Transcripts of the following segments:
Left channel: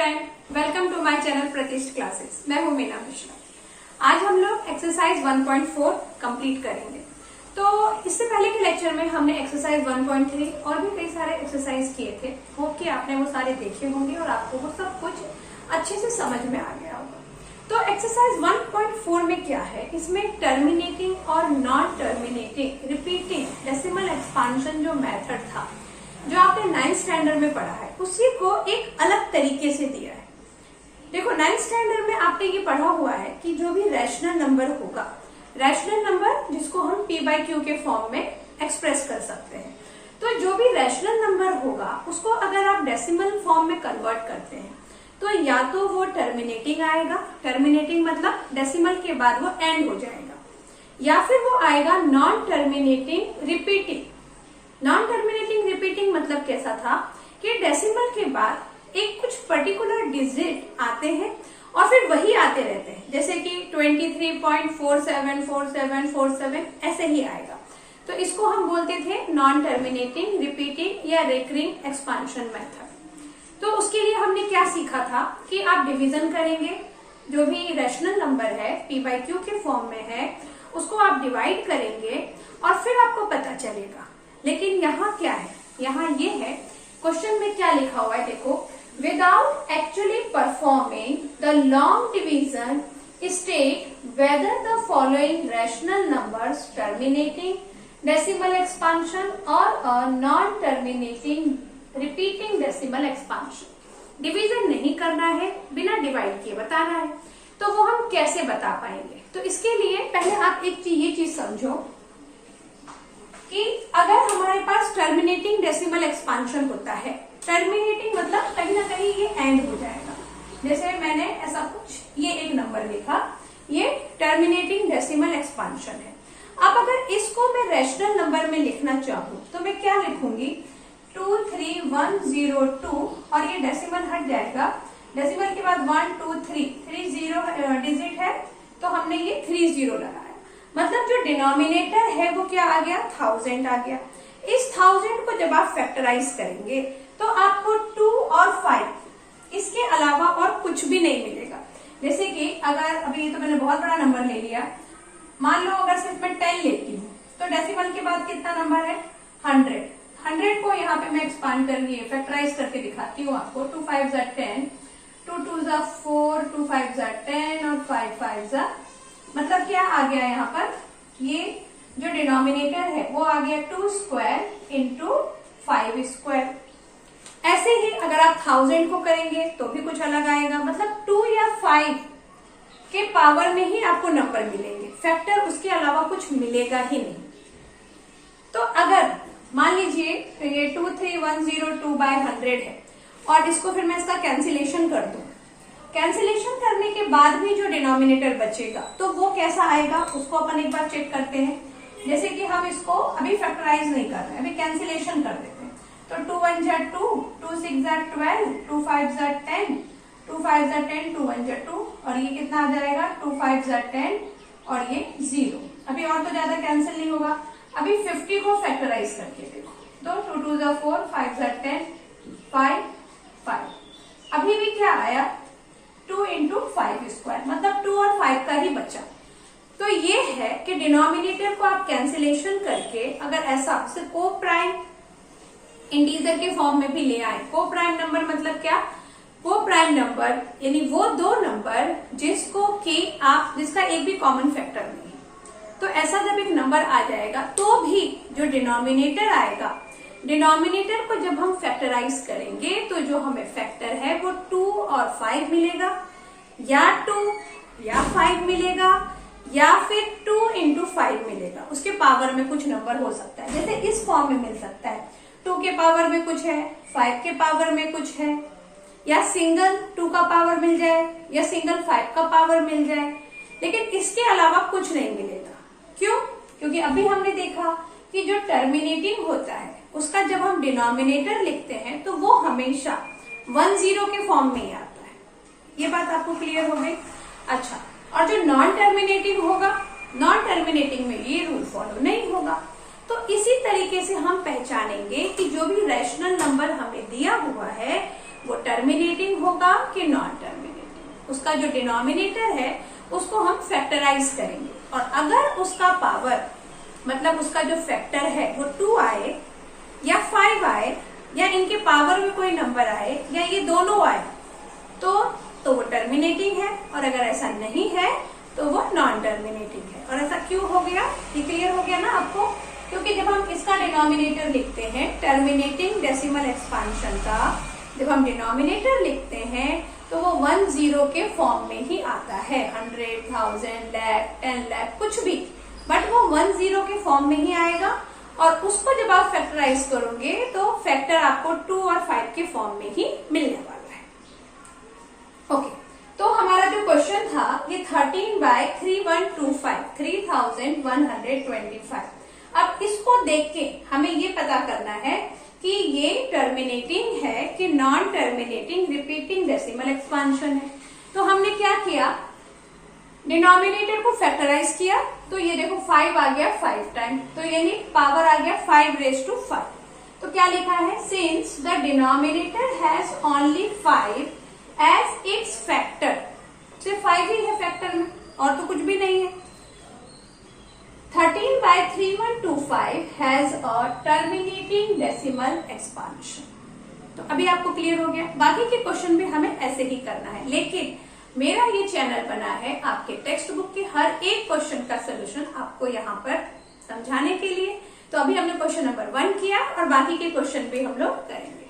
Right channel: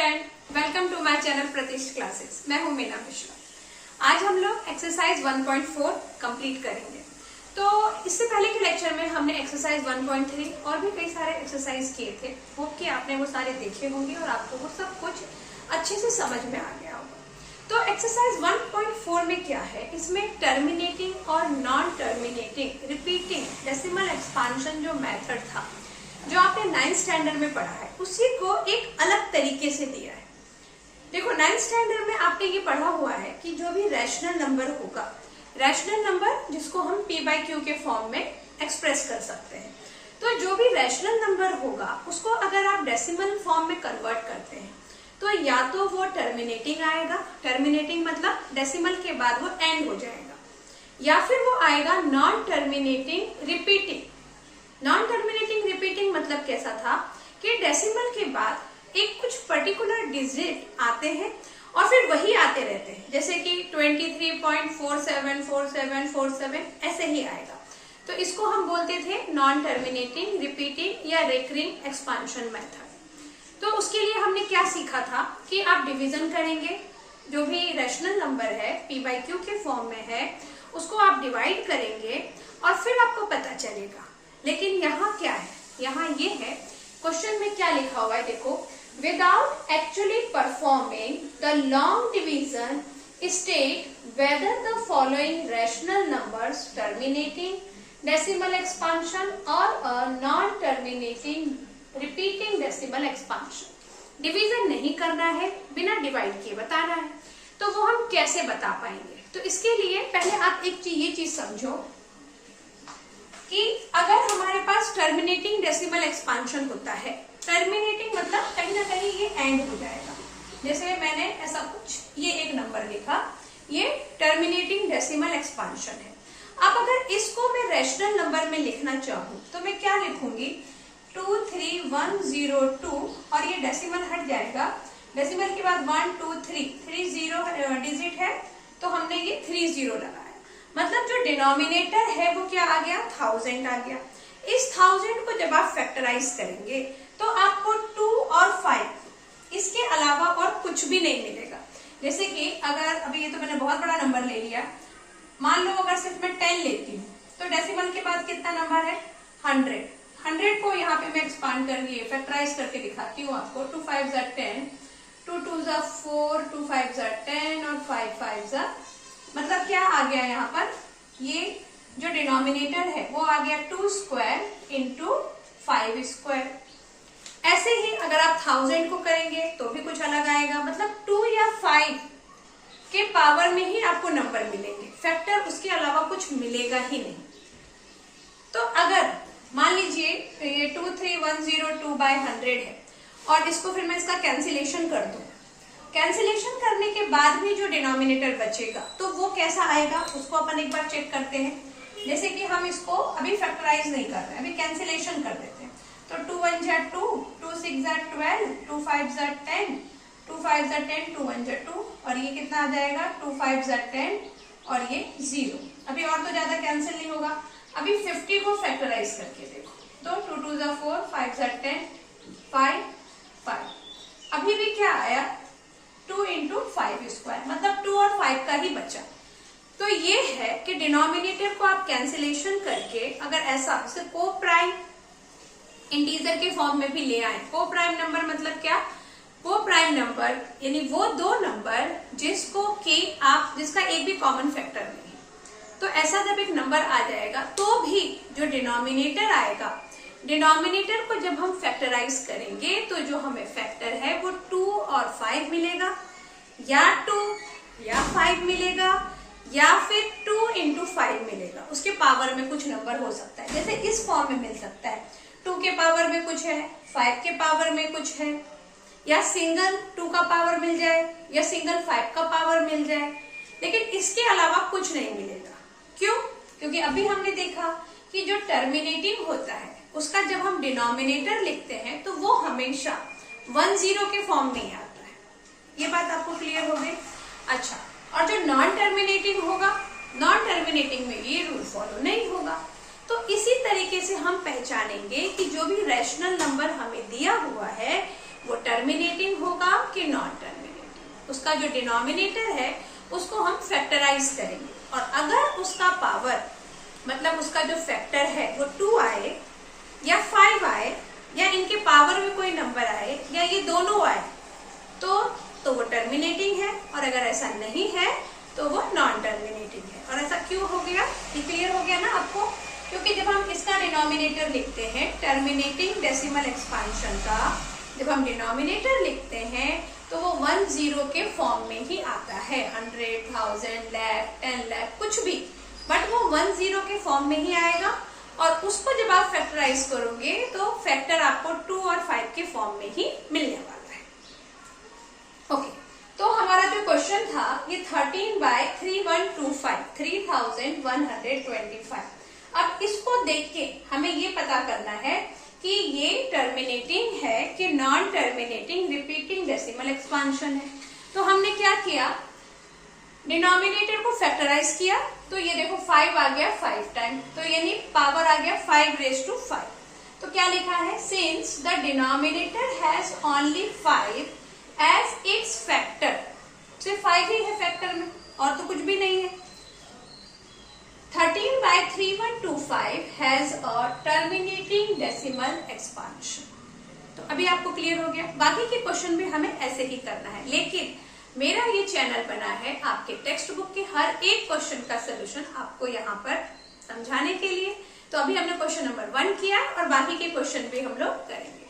Student, welcome to my channel Pratishth classes. मैं हूं मीना मिश्रा। आज हम लोग एक्सरसाइज 1.4 कंप्लीट करेंगे। तो इससे पहले के लेक्चर में हमने एक्सरसाइज 1.3 और भी कई सारे एक्सरसाइज किए थे। होप कि आपने वो सारे देखे होंगे और आपको वो सब कुछ अच्छे से समझ में आ गया होगा। तो एक्सरसाइज 1.4 में क्या है, इसमें टर्मिनेटिंग और non terminating repeating decimal expansion जो मेथड था, जो आपने 9th स्टैंडर्ड में पढ़ा है, उसी को एक अलग तरीके से दिया है। देखो 9th स्टैंडर्ड में आपने ये पढ़ा हुआ है कि जो भी रैशनल नंबर होगा, रैशनल नंबर जिसको हम p/q के फॉर्म में एक्सप्रेस कर सकते हैं, तो जो भी रैशनल नंबर होगा उसको अगर आप डेसिमल फॉर्म में कन्वर्ट करते हैं तो या तो वो टर्मिनेटिंग आएगा, टर्मिनेटिंग मतलब डेसिमल के बाद वो एंड हो जाएगा, या फिर वो आएगा non terminating repeating. Non terminating repeating मतलब कैसा था कि डेसिमल के बाद एक कुछ पर्टिकुलर डिजिट आते हैं और फिर वही आते रहते हैं, जैसे कि 23.474747 ऐसे ही आएगा। तो इसको हम बोलते थे नॉन टर्मिनेटिंग रिपीटिंग या रिकरिंग एक्सपांशन मेथड। तो उसके लिए हमने क्या सीखा था कि आप डिवीजन करेंगे, जो भी रैशनल नंबर है p/q के फॉर्म में है उसको आप डिवाइड करेंगे और फिर आपको पता चलेगा। लेकिन यहाँ क्या है, यहाँ ये है क्वेश्चन में क्या लिखा हुआ है, देखो, without actually performing the long division state whether the following rational numbers terminating decimal expansion और non terminating repeating decimal expansion. Division नहीं करना है, बिना डिवाइड किए बताना है, तो वो हम कैसे बता पाएंगे। तो इसके लिए पहले आप ये चीज समझो कि अगर हमारे पास टर्मिनेटिंग डेसिमल एक्सपांशन होता है, टर्मिनेटिंग मतलब कहीं ना कहीं ये एंड हो जाएगा। जैसे मैंने ऐसा कुछ ये एक नंबर लिखा, ये टर्मिनेटिंग डेसिमल एक्सपांशन है। अब अगर इसको मैं रैशनल नंबर में लिखना चाहूँ तो मैं क्या लिखूंगी, 23102 और ये डेसिमल हट जाएगा। डेसिमल के बाद 1 2 3 0 डिजिट है, तो हमने ये 30 लगाया, मतलब जो डिनोमिनेटर है वो क्या आ गया, 1000 आ गया। इस 1000 को जब आप फैक्टराइज करेंगे तो आपको 2 और 5 इसके अलावा और कुछ भी नहीं मिलेगा। जैसे कि अगर अभी ये तो मैंने बहुत बड़ा नंबर ले लिया, मान लो अगर सिर्फ मैं 10 लेती हूँ तो डेसिमल के बाद कितना नंबर है, 100। 100 को यहाँ पे मैं एक्सपांड करके फैक्टराइज करके दिखाती हूँ आपको। 2 5 = 10, 2 2 = 4, 2 5 = 10 और 5 5 मतलब क्या आ गया यहाँ पर, ये जो डिनोमिनेटर है वो आ गया 2 स्क्वायर इंटू 5 स्क्वायर। ऐसे ही अगर आप 1000 को करेंगे तो भी कुछ अलग आएगा, मतलब 2 या 5 के पावर में ही आपको नंबर मिलेंगे, फैक्टर उसके अलावा कुछ मिलेगा ही नहीं। तो अगर मान लीजिए ये 23102/100 है और इसको फिर मैं इसका कैंसिलेशन कर दूं, कैंसिलेशन करने के बाद भी जो डिनोमिनेटर बचेगा तो वो कैसा आएगा, उसको अपन एक बार चेक करते हैं। जैसे कि हम इसको अभी फैक्टराइज नहीं कर रहे हैं, अभी कैंसिलेशन कर देते हैं। तो 2 1 = 2, 2 6 = 12, 2 5 = 10, 2 5 = 10, 2 1 = 2 और ये कितना आ जाएगा, 2 5 = 10 और ये 0। अभी और तो ज्यादा कैंसिल नहीं होगा। अभी 50 को फैक्टराइज करके देखो, तो 2 2 = 4, 5 = 10, 5 5। अभी भी क्या आया, 2 × 5 स्क्वायर, मतलब 2 और 5 का ही बचा। तो ये है कि डिनोमिनेटर को आप कैंसिलेशन करके अगर ऐसा उसे को प्राइम इंटीजर के फॉर्म में भी ले आए। को प्राइम नंबर मतलब क्या, को प्राइम नंबर यानी वो दो नंबर जिसका एक भी कॉमन फैक्टर नहीं है। तो ऐसा जब एक नंबर आ जाएगा तो भी जो डिनोमिनेटर आएगा, डिनोमिनेटर को जब हम फैक्टराइज करेंगे तो जो हमें फैक्टर है वो 2 और 5 मिलेगा, या 2 या 5 मिलेगा, या फिर 2 × 5 मिलेगा। उसके पावर में कुछ नंबर हो सकता है, जैसे इस फॉर्म में मिल सकता है, 2 के पावर में कुछ है, 5 के पावर में कुछ है, या सिंगल 2 का पावर मिल जाए या सिंगल 5 का पावर मिल जाए, लेकिन इसके अलावा कुछ नहीं मिलेगा। क्यों? क्योंकि अभी हमने देखा कि जो टर्मिनेटिंग होता है उसका जब हम डिनोमिनेटर लिखते हैं तो वो हमेशा 10 के फॉर्म में ही आता है। ये बात आपको क्लियर हो गई। अच्छा, और जो नॉन टर्मिनेटिंग होगा, नॉन टर्मिनेटिंग में ये रूल फॉलो नहीं होगा। तो इसी तरीके से हम पहचानेंगे कि जो भी रैशनल नंबर हमें दिया हुआ है वो टर्मिनेटिंग होगा कि नॉन टर्मिनेटिंग। उसका जो डिनोमिनेटर है उसको हम फैक्टराइज करेंगे, और अगर उसका पावर मतलब उसका जो फैक्टर है वो 2 आए या 5 आए या इनके पावर में कोई नंबर आए या ये दोनों आए तो वो टर्मिनेटिंग है, और अगर ऐसा नहीं है तो वो नॉन टर्मिनेटिंग है। और ऐसा क्यों हो गया, ये क्लियर हो गया ना आपको? क्योंकि जब हम इसका डिनोमिनेटर लिखते हैं टर्मिनेटिंग डेसिमल एक्सपांशन का, जब हम डिनोमिनेटर लिखते हैं तो वो 10 के फॉर्म में ही आता है, 100, 1000, लाख, 10 लाख कुछ भी, बट वो 10 के फॉर्म में ही आएगा। और उसको जब आप फैक्टराइज करोगे तो फैक्टर आपको 2 और 5 के फॉर्म में ही मिलने वाला है। ओके, तो हमारा जो क्वेश्चन था ये 13/3125, 3125। अब इसको देख के हमें ये पता करना है कि ये टर्मिनेटिंग है कि non terminating repeating decimal expansion है। तो हमने क्या किया, डिनोमिनेटर को फैक्टराइज किया, तो ये देखो 5 आ गया 5 टाइम, तो यानी पावर आ गया 5⁵5। तो क्या लिखा है, since the denominator has only 5 as its factor, सिर्फ 5 ही है फैक्टर में और तो कुछ भी नहीं है। 13/3125 has a terminating decimal expansion. तो अभी आपको क्लियर हो गया। बाकी के क्वेश्चन भी हमें ऐसे ही करना है, लेकिन मेरा ये चैनल बना है आपके टेक्स्ट बुक के हर एक क्वेश्चन का सोल्यूशन आपको यहाँ पर समझाने के लिए। तो अभी हमने क्वेश्चन नंबर 1 किया और बाकी के क्वेश्चन भी हम लोग करेंगे।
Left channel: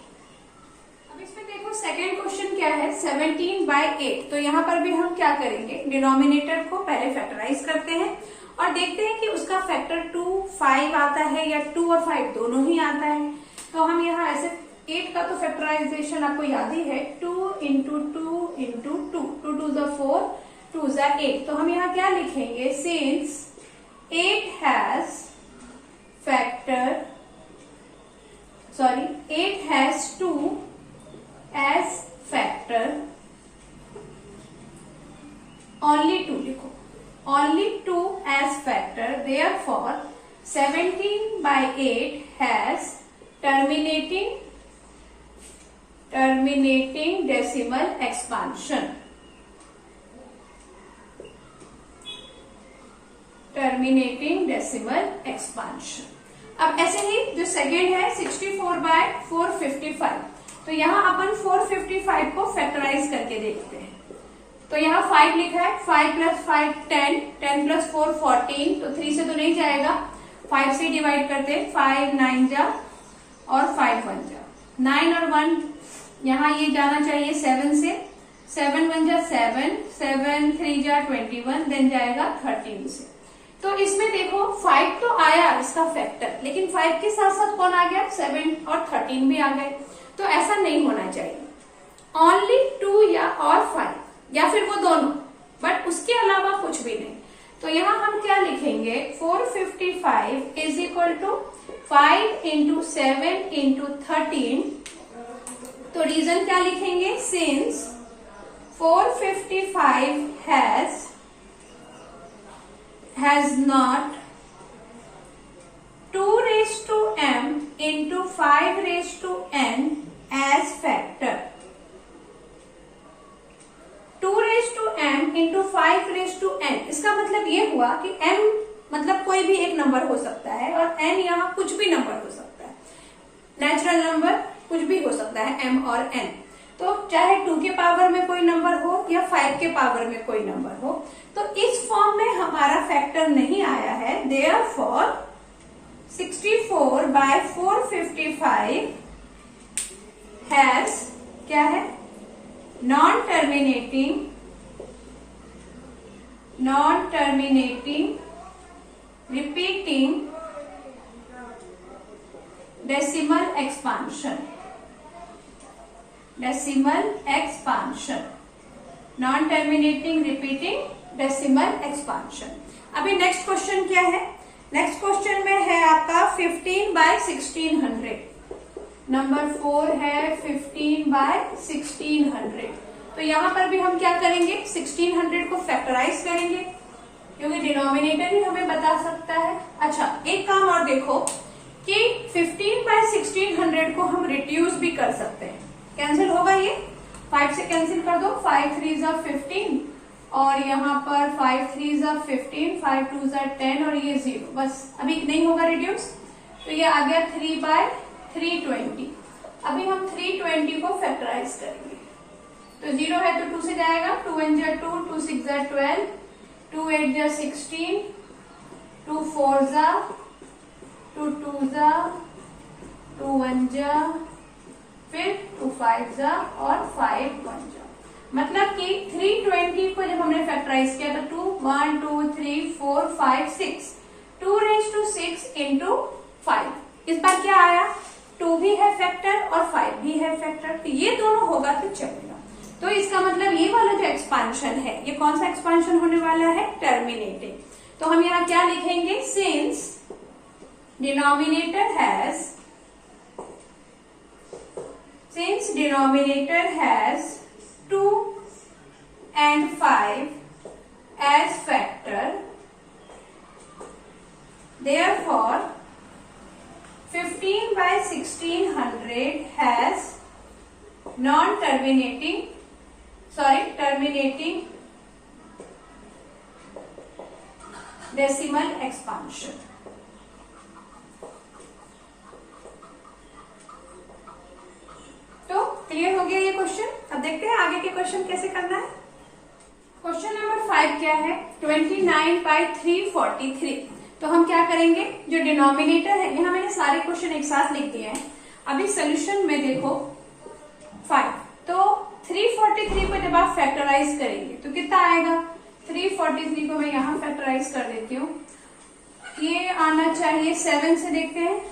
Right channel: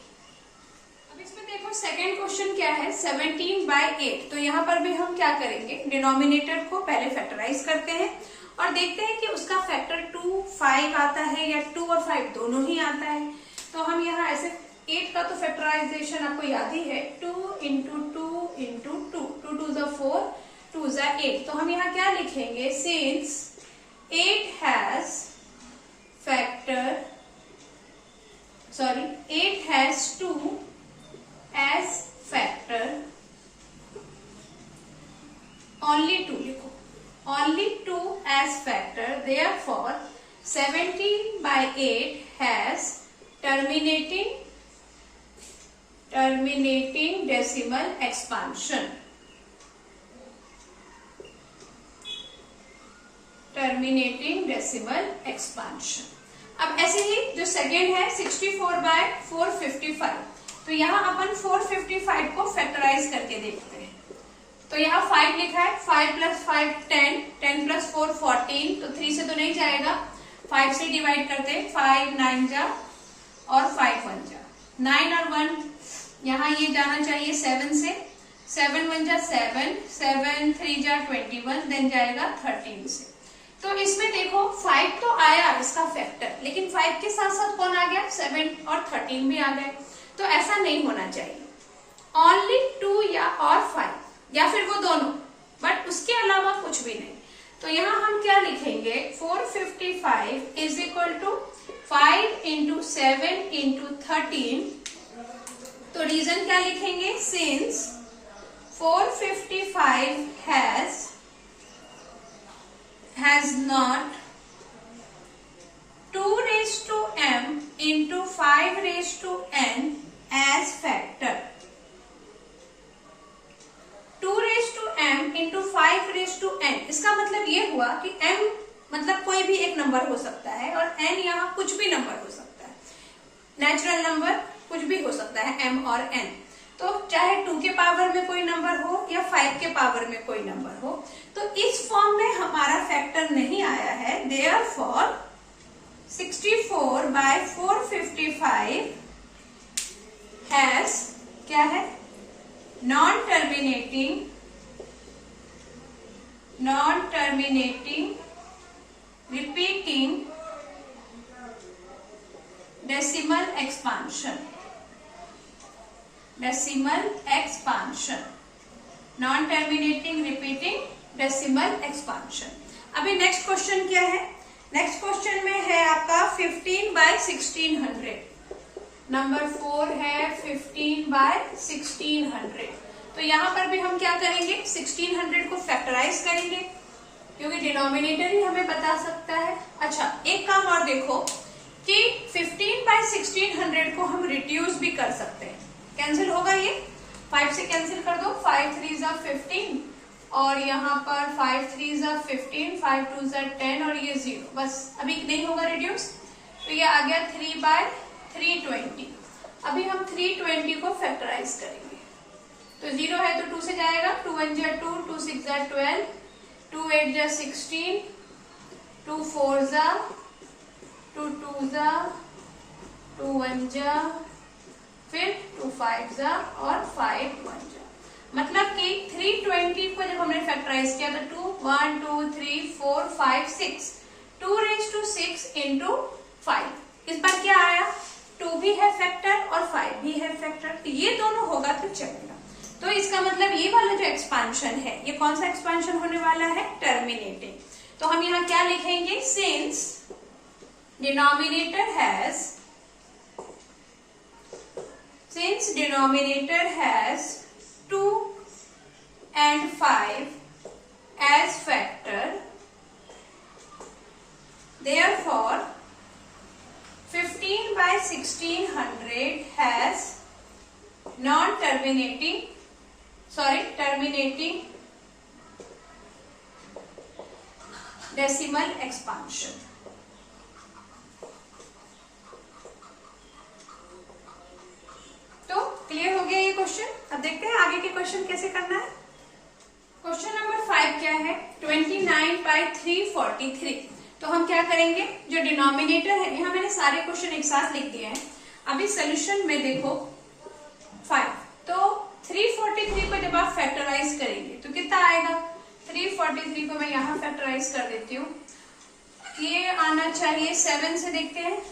अब इसमें देखो सेकेंड क्वेश्चन क्या है, 17/8। तो यहाँ पर भी हम क्या करेंगे, डिनोमिनेटर को पहले फैक्टराइज करते हैं और देखते हैं कि उसका फैक्टर 2, 5 आता है या 2 और 5 दोनों ही आता है। तो हम यहाँ ऐसे 8 का तो फैक्टराइजेशन आपको याद ही है, 2 × 2 × 2, 2 2 ज़ा 4, 2 ज़ा 8। तो हम यहाँ क्या लिखेंगे, since 8 has 2 as factor, only 2 लिखो, only 2 as factor, therefore 17/8 has terminating decimal expansion, terminating decimal expansion। अब ऐसे ही जो सेकेंड है 64/455, तो यहाँ अपन 455 को फैक्टराइज करके देखते हैं। तो यहाँ 5 लिखा है, 5 + 5 10, 10 + 4 14, तो 3 से तो नहीं जाएगा, 5 से डिवाइड करते हैं, 5 9 जा और 5 1 जा, 9 और 1 यहाँ ये जाना चाहिए 7 से, 7 1 जा 7, 7 3 जा 21, देन जाएगा 13 से। तो इसमें देखो 5 तो आया इसका फैक्टर, लेकिन 5 के साथ साथ कौन आ गया, 7 और 13 भी आ गए। तो ऐसा नहीं होना चाहिए, ओनली 2 या और 5 या फिर वो दोनों, बट उसके अलावा कुछ भी नहीं। तो यहाँ हम क्या लिखेंगे, 455 = 5 × 7 × 13। तो रीजन क्या लिखेंगे, since 455 has not 2⁻m × 5⁻n as factor, 2⁻m × 5⁻n। इसका मतलब ये हुआ कि m मतलब कोई भी एक नंबर हो सकता है और n यहाँ कुछ भी नंबर हो सकता है, नेचुरल नंबर कुछ भी हो सकता है m और n। तो चाहे 2 के पावर में कोई नंबर हो या 5 के पावर में कोई नंबर हो, तो इस फॉर्म में हमारा फैक्टर नहीं आया है, देयरफॉर 64/455 हैज क्या है, non terminating repeating decimal expansion, non terminating repeating decimal expansion. अभी नेक्स्ट क्वेश्चन क्या है, नेक्स्ट क्वेश्चन में है आपका 15/1600, नंबर 4 है 15/1600। तो यहाँ पर भी हम क्या करेंगे, 1600 को फैक्टराइज करेंगे क्योंकि डिनोमिनेटर ही हमें बता सकता है। अच्छा, एक काम और देखो कि 15/1600 को हम रिड्यूस भी कर सकते हैं। कैंसिल होगा ये, 5 से कैंसिल कर दो, 5 3 ज़ा 15 और यहाँ पर 5 3 ज़ा 15, 5 2 ज़ा 10 और ये 0, बस अभी नहीं होगा रिड्यूस, तो ये आ गया 3/320। अभी हम 320 को फैक्टराइज करेंगे, तो 0 है तो 2 से जाएगा, 2 1 जा 2, 2 6 जा 12, 2 8 जा 16, 2 4 जा, 2 2 जा, 2 1 जा, फिर 2 5 जा और 5 1 जा। मतलब कि 320 को जब हमने फैक्टराइज किया तो 2 1 2 3 4 5 6, 2 raised to 6 into 5। इस बार क्या आया, 2 भी है फैक्टर और 5 भी है फैक्टर, तो ये दोनों होगा तो चलेगा। तो इसका मतलब ये वाला जो एक्सपांशन है, ये कौन सा एक्सपांशन होने वाला है, टर्मिनेटिंग। तो हम यहाँ क्या लिखेंगे, since denominator has 2 and 5 as factor, therefore 15/1600 has terminating decimal expansion। तो क्लियर हो गया ये क्वेश्चन। अब देखते हैं आगे के क्वेश्चन कैसे करना है। क्वेश्चन नंबर 5 क्या है, 29/343। तो हम क्या करेंगे, जो डिनोमिनेटर है, यहाँ मैंने सारे क्वेश्चन एक साथ लिख दिए हैं। अभी सोल्यूशन में देखो 5, तो 343 को जब आप फैक्टराइज करेंगे तो कितना आएगा, 343 को मैं यहाँ फैक्टराइज कर देती हूँ, ये आना चाहिए 7 से, देखते हैं,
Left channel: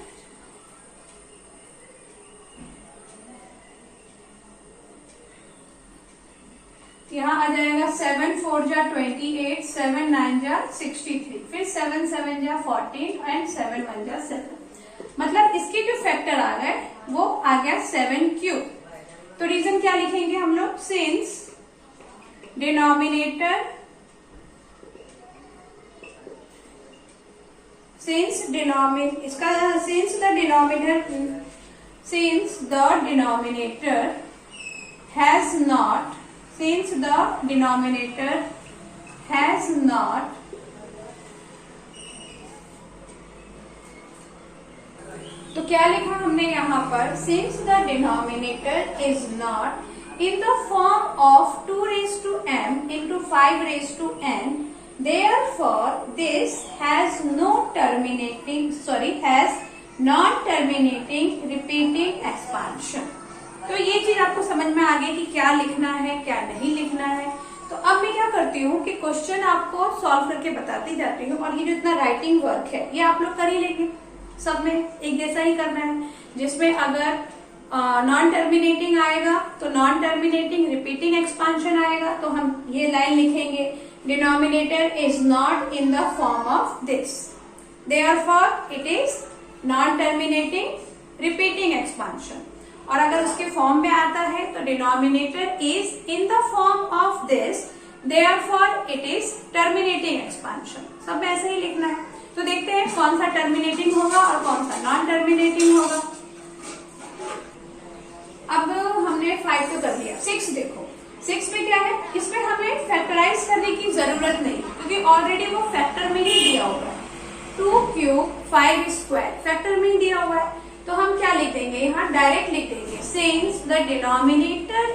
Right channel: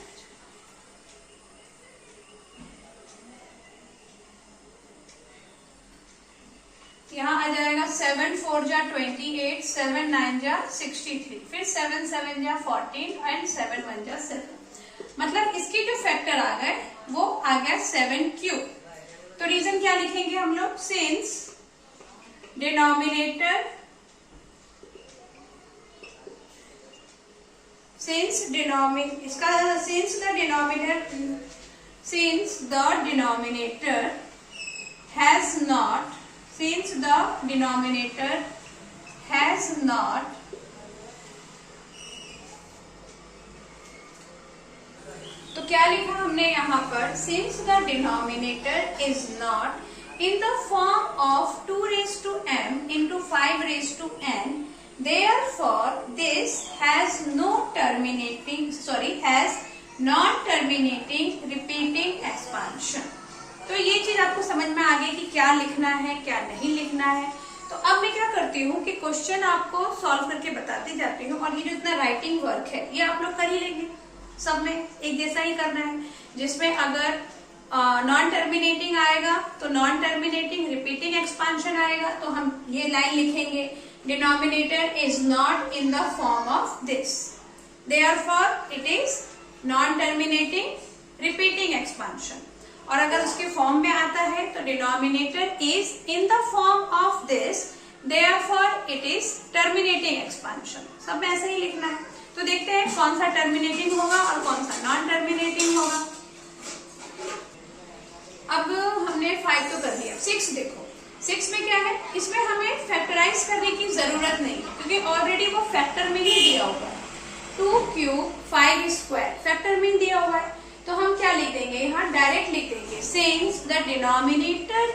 यहाँ आ जाएगा 7 4 जा 28, 7 9 जा 63, फिर 7 7 जा 14 एंड 7 1 जा 7। मतलब इसके जो फैक्टर आ गए वो आ गया 7 क्यूब। तो रीजन क्या लिखेंगे हम लोग, सिंस डिनोमिनेटर has not तो क्या लिखा हमने यहाँ पर, since the denominator is not in the form of 2 raised to m into 5 raised to n, therefore this has non-terminating repeating expansion। तो ये चीज आपको समझ में आ गई कि क्या लिखना है क्या नहीं लिखना है। तो अब मैं क्या करती हूँ कि क्वेश्चन आपको सॉल्व करके बताती जाती हूँ, और ये जो इतना राइटिंग वर्क है ये आप लोग कर ही लेंगे, सब में एक जैसा ही करना है। जिसमें अगर नॉन टर्मिनेटिंग आएगा तो नॉन टर्मिनेटिंग रिपीटिंग एक्सपांशन आएगा, तो हम ये लाइन लिखेंगे, denominator is not in the form of this, therefore it is non terminating repeating expansion. और अगर उसके फॉर्म में आता है तो denominator is in the form of this, therefore it is terminating expansion. सब में ऐसे ही लिखना है। तो देखते हैं कौन सा टर्मिनेटिंग होगा और कौन सा नॉन टर्मिनेटिंग होगा। अब हमने 5 तो कर दिया, 6 देखो, 6 में क्या है, इसमें हमें फैक्टराइज करने की जरूरत नहीं क्योंकि ऑलरेडी वो फैक्टर में ही दिया हुआ है। 2 क्यूब 5 स्क्वायर फैक्टर में दिया हुआ है, तो हम क्या लिख देंगे, यहाँ डायरेक्ट लिख देंगे, since the denominator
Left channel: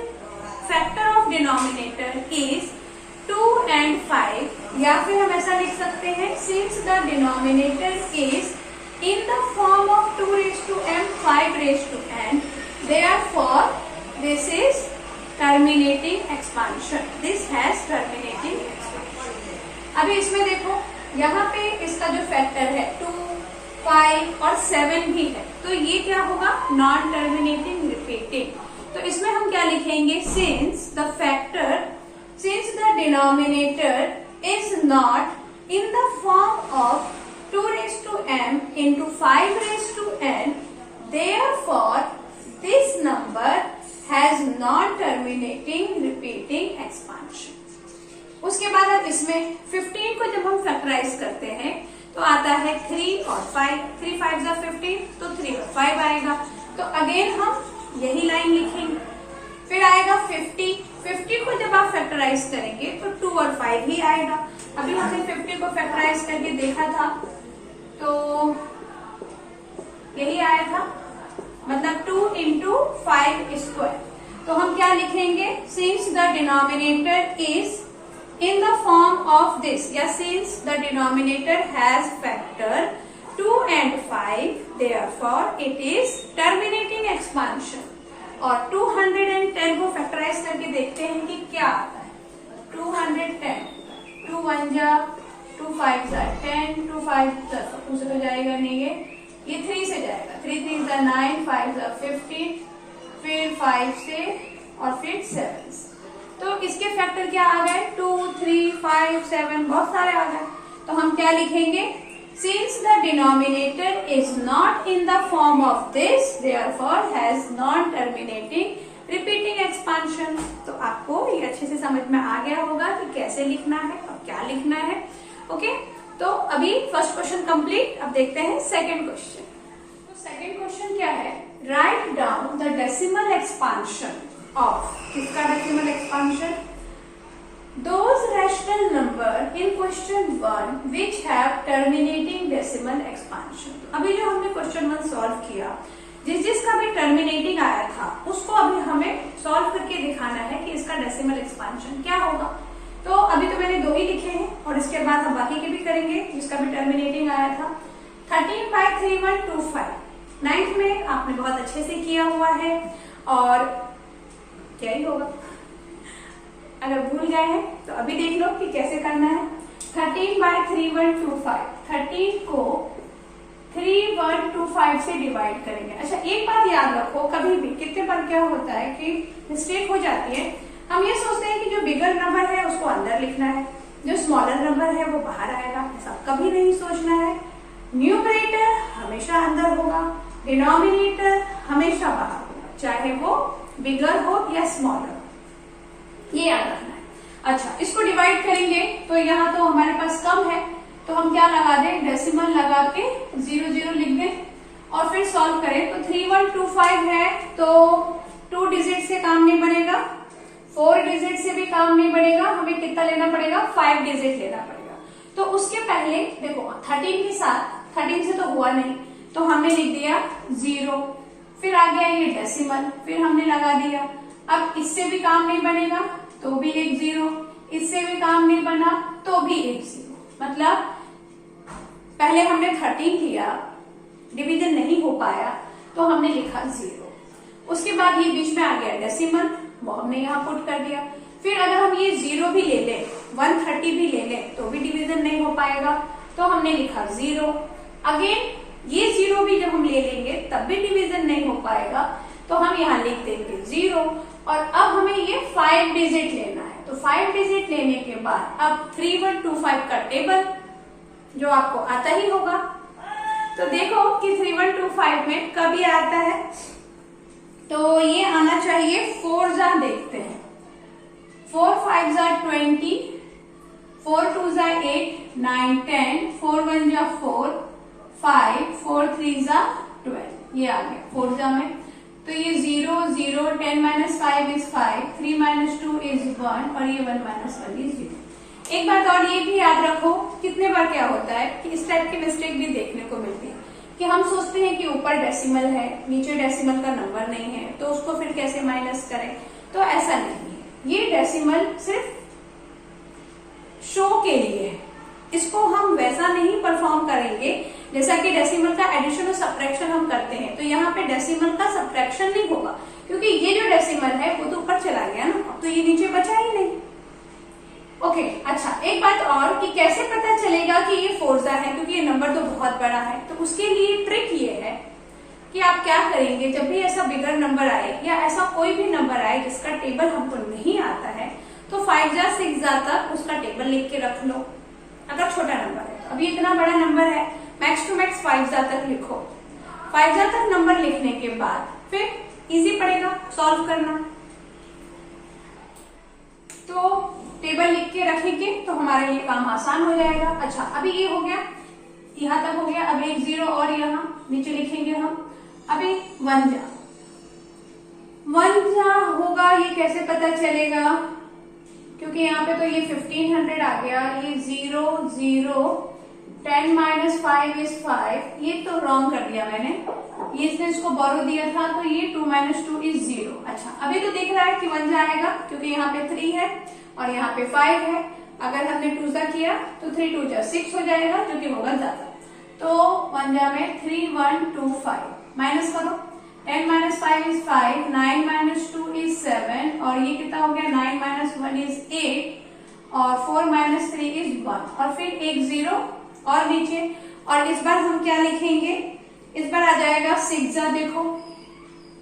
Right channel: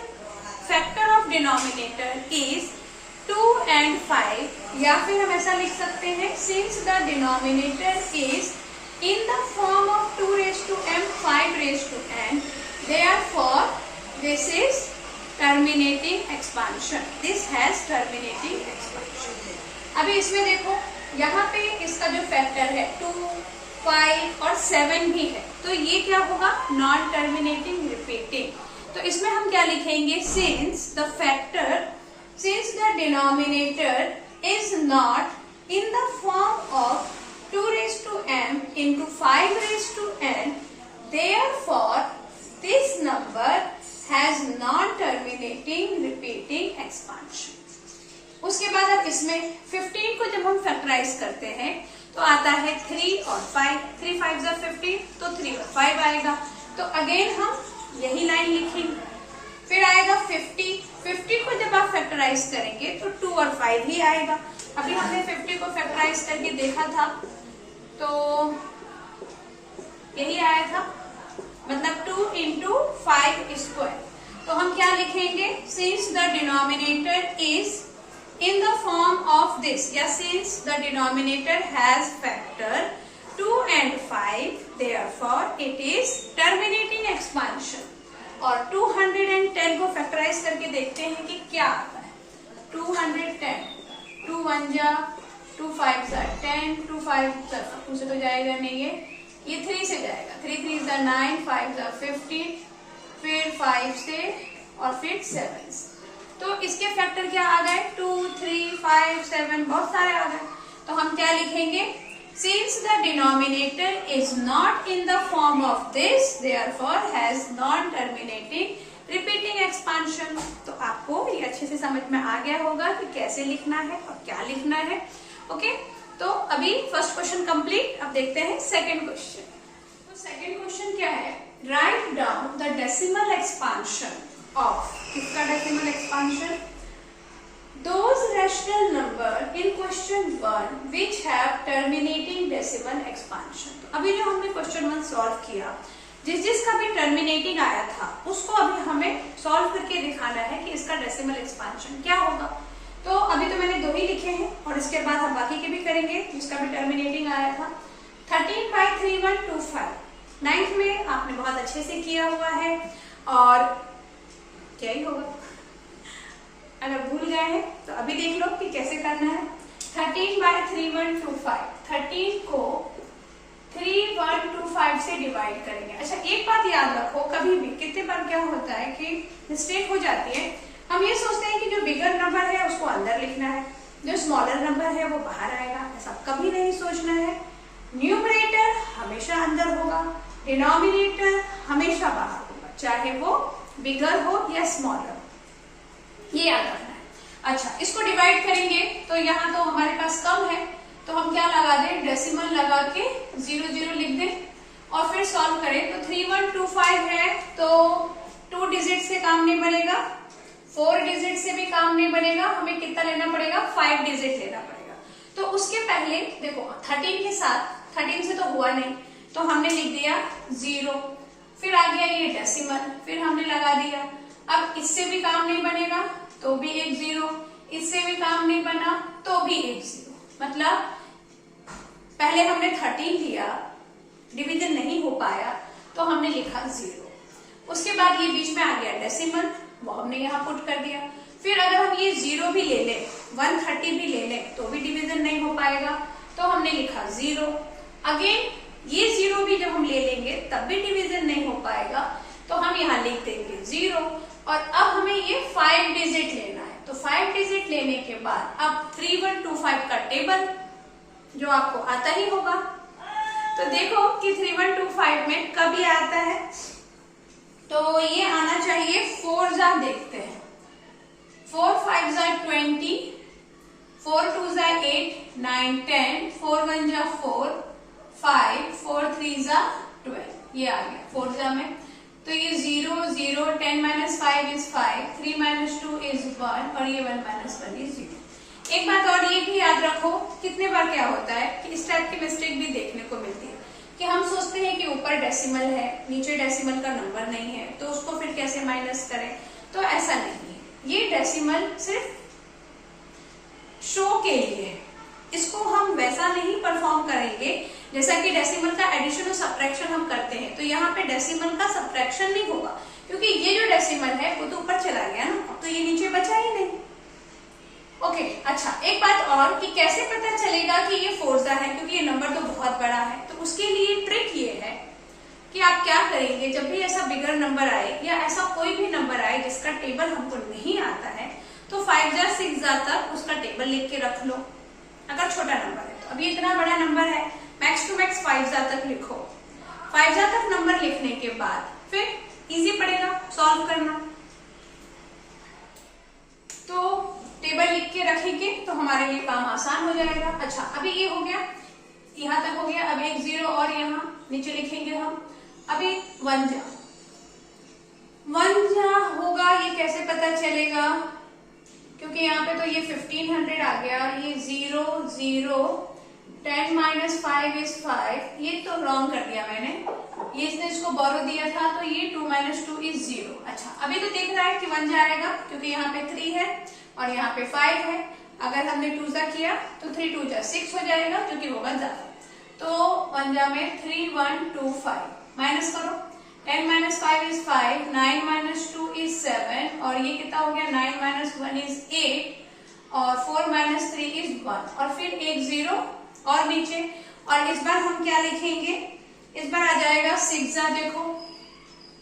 factor of denominator is 2 and 5, या फिर हम ऐसा लिख सकते हैं, since the denominator is in the form of 2 raised to m 5 raised to n, therefore this is terminating expansion, this has terminating expansion। अभी इसमें देखो, यहाँ पे इसका जो फैक्टर है 2 5 और 7 भी है, तो ये क्या होगा, नॉन टर्मिनेटिंग रिपीटिंग। तो इसमें हम क्या लिखेंगे, since the denominator is not in the form of 2 raised to m into 5 raised to n, therefore this number has non-terminating repeating expansion। उसके बाद अब इसमें 15 को जब हम फैक्टराइज करते हैं तो आता है 3 और 5, 3 5 15, तो 3 और 5 आएगा। तो अगेन हम यही लाइन लिखेंगे, फिर आएगा 50 को जब आप फैक्टराइज करेंगे तो 2 और 5 ही आएगा। अभी हमने 50 को फैक्टराइज करके देखा था तो यही आया था, मतलब 2 into 5 स्क्वायर। तो हम क्या लिखेंगे, since the denominator is in the form of this, या since the denominator has factor 2 and 5 therefore it is terminating expansion। और 210 को फैक्टराइज करके देखते हैं कि क्या आता है। 210, 2 1 जा 2 5 जा 10, 2 5 उसे तो जाएगा नहीं, ये 3 से जाएगा, 3 3 जा 9, 5 जा 15, फिर 5 से और फिर 7 से। तो इसके फैक्टर क्या आ गए, 2 3 5 7, बहुत सारे आ गए। तो हम क्या लिखेंगे, since the denominator is not in the form of this therefore has non-terminating repeating expansion। तो आपको ये अच्छे से समझ में आ गया होगा कि कैसे लिखना है और क्या लिखना है। ओके, तो अभी फर्स्ट क्वेश्चन कंप्लीट। अब देखते हैं सेकंड क्वेश्चन। तो सेकंड क्वेश्चन क्या है, write down the decimal expansion of, किसका decimal expansion, those rational number in question 1 which have terminating decimal expansion। तो अभी जो हमने क्वेश्चन 1 सॉल्व किया, जिसका भी टर्मिनेटिंग आया था उसको अभी हमें सॉल्व करके दिखाना है कि इसका डेसिमल एक्सपांशन क्या होगा। तो अभी तो मैंने 2 ही लिखे हैं और इसके बाद हम बाकी के भी करेंगे जिसका भी टर्मिनेटिंग आया था। 13/3125 9th में आपने बहुत अच्छे से किया हुआ है, और क्या ही होगा, अगर भूल गए हैं तो अभी देख लो कि कैसे करना है। 13/3125, 13 को 3125 से डिवाइड करेंगे। अच्छा, एक बात याद रखो, कभी भी कितने बार क्या होता है कि मिस्टेक हो जाती है, हम ये सोचते हैं कि जो बिगर नंबर है उसको अंदर लिखना है, जो स्मॉलर नंबर है वो बाहर आएगा। ऐसा कभी नहीं सोचना है। न्यूमरेटर हमेशा अंदर होगा, डिनोमिनेटर हमेशा बाहर होगा, चाहे वो बिगर हो या स्मॉलर, ये याद रखना है। अच्छा, इसको डिवाइड करेंगे तो यहाँ तो हमारे पास कम है, तो हम क्या लगा दें, डेसिमल लगा के 0 0 लिख दें और फिर सॉल्व करें। तो 3125 है तो 2 डिजिट से काम नहीं बनेगा, 4 डिजिट से भी काम नहीं बनेगा, हमें कितना लेना पड़ेगा, 5 डिजिट लेना पड़ेगा। तो उसके पहले देखो 13 के साथ, 13 से तो हुआ नहीं तो हमने लिख दिया 0, फिर आ गया ये डेसिमल, फिर हमने लगा दिया। अब इससे भी काम नहीं बनेगा तो भी एक 0, इससे भी काम नहीं बना तो भी एक 0, मतलब पहले हमने 13 लिया, डिवीजन नहीं हो पाया तो हमने लिखा 0, उसके बाद ये बीच में आ गया डेसिमल, वो हमने यहाँ पुट कर दिया। फिर अगर हम ये 0 भी ले लें, 130 भी ले लें तो भी डिवीजन नहीं हो पाएगा, तो हमने लिखा 0। अगेन ये 0 भी जब हम ले लेंगे तब भी डिवीजन नहीं हो पाएगा, तो हम यहाँ लिख देंगे 0। और अब हमें ये 5 डिजिट लेना है, तो 5 डिजिट लेने के बाद अब 3125 का टेबल जो आपको आता ही होगा, तो देखो कि 3125 में कब ये आता है, तो ये आना चाहिए 4 जा, देखते हैं 4 5 जा 20, 4 2 जा 8 9 10, 4 1 जा 4 5, 4 3 जा 12, ये आ गया 4 जा में। तो ये 0 0, 10 - 5 is 5, 3 - 2 is 1 और ये 1 - 1 is 0। एक बात और ये भी याद रखो, कितने बार क्या होता है कि इस टाइप की मिस्टेक भी देखने को मिलती है कि हम सोचते हैं कि ऊपर डेसिमल है, नीचे डेसिमल का नंबर नहीं है, तो उसको फिर कैसे माइनस करें, तो ऐसा नहीं है। ये डेसिमल सिर्फ शो के लिए है, इसको हम वैसा नहीं परफॉर्म करेंगे जैसा कि डेसिमल का एडिशन और सब्ट्रैक्शन हम करते हैं। तो यहाँ पे डेसिमल का सब्ट्रैक्शन नहीं होगा, क्योंकि ये जो डेसिमल है वो तो ऊपर चला गया ना, अब तो ये नीचे बचा ही नहीं। ओके, अच्छा एक बात और कि कैसे पता चलेगा कि ये 4 जा है, क्योंकि ये नंबर तो बहुत बड़ा है। तो उसके लिए ट्रिक ये है कि आप क्या करेंगे, जब भी ऐसा बिगर नंबर आए या ऐसा कोई भी नंबर आए जिसका टेबल हमको नहीं आता है, तो 5 जा 6 जा तक उसका टेबल लिख के रख लो, अगर छोटा नंबर है तो। अभी इतना बड़ा नंबर है, मैक्स टू मैक्स 5 जा तक लिखो। 5 जा तक नंबर लिखने के बाद फिर इजी पड़ेगा सॉल्व करना, तो टेबल लिख के रखेंगे तो हमारे लिए काम आसान हो जाएगा। अच्छा, अभी ये हो गया, यहाँ तक हो गया। अब एक 0 और यहाँ नीचे लिखेंगे हम। अभी 1 जा 1 क्या होगा ये कैसे पता चलेगा, क्योंकि यहाँ पे तो ये 1500 आ गया, ये 0 0 10 माइनस 5 इज 5, ये तो रॉन्ग कर दिया मैंने, ये इसने इसको बोरो दिया था तो ये 2 माइनस 2 इज 0। अच्छा अभी तो दिख रहा है कि 1 जाएगा क्योंकि यहाँ पे 3 है और यहाँ पे 5 है, अगर हमने 2 जा किया तो 3 2 जा 6 हो जाएगा क्योंकि होगा ज्यादा, तो 1 जा में 3 1 2 5 माइनस करो, 10 माइनस 5 इज 5, 9 माइनस 2 इज 7 और ये कितना हो गया 9 माइनस 1 इज 8 और 4 माइनस 3 इज 1 और फिर एक 0 और नीचे, और इस बार हम क्या लिखेंगे, इस बार आ जाएगा 6 जा, देखो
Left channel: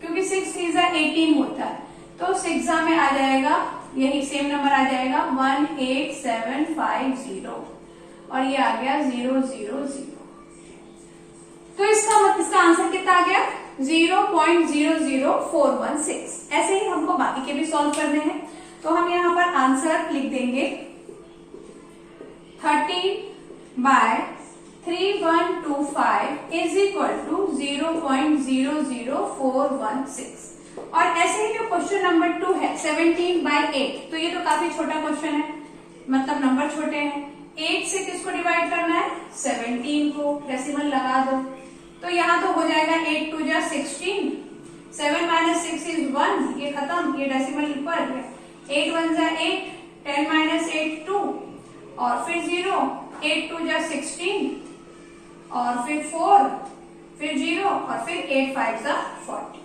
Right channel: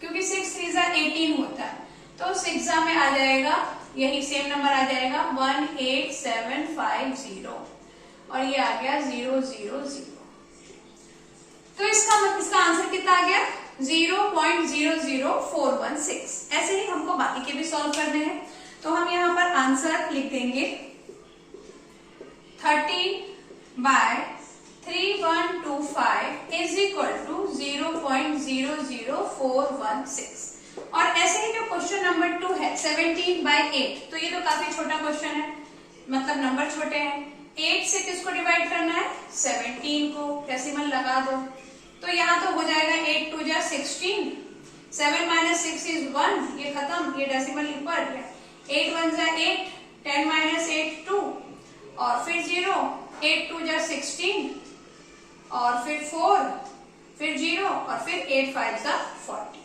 क्योंकि 6 3 जा 18 होता है तो 6 जा में आ जाएगा यही सेम नंबर आ जाएगा 18750 और ये आ गया 0 0 0। तो इसका आंसर कितना आ गया 0.00416। ऐसे ही हमको बाकी के भी सॉल्व करने हैं, तो हम यहाँ पर आंसर लिख देंगे 30/3125 इज इक्वल टू 0.00416। और ऐसे ही जो क्वेश्चन नंबर 2 है 17/8, तो ये तो काफी छोटा क्वेश्चन है, मतलब नंबर छोटे हैं। 8 से किसको डिवाइड करना है 17 को, डेसिमल लगा दो, तो यहाँ तो हो जाएगा 8 2 जा 16, 7 माइनस 6 इज 1, ये खत्म, ये डेसिमल ऊपर है, 8 1 जा 8, 10 माइनस 8 2 और फिर 0, 8 2 जा 16 और फिर 4 फिर 0 और फिर 8 5 जा 40।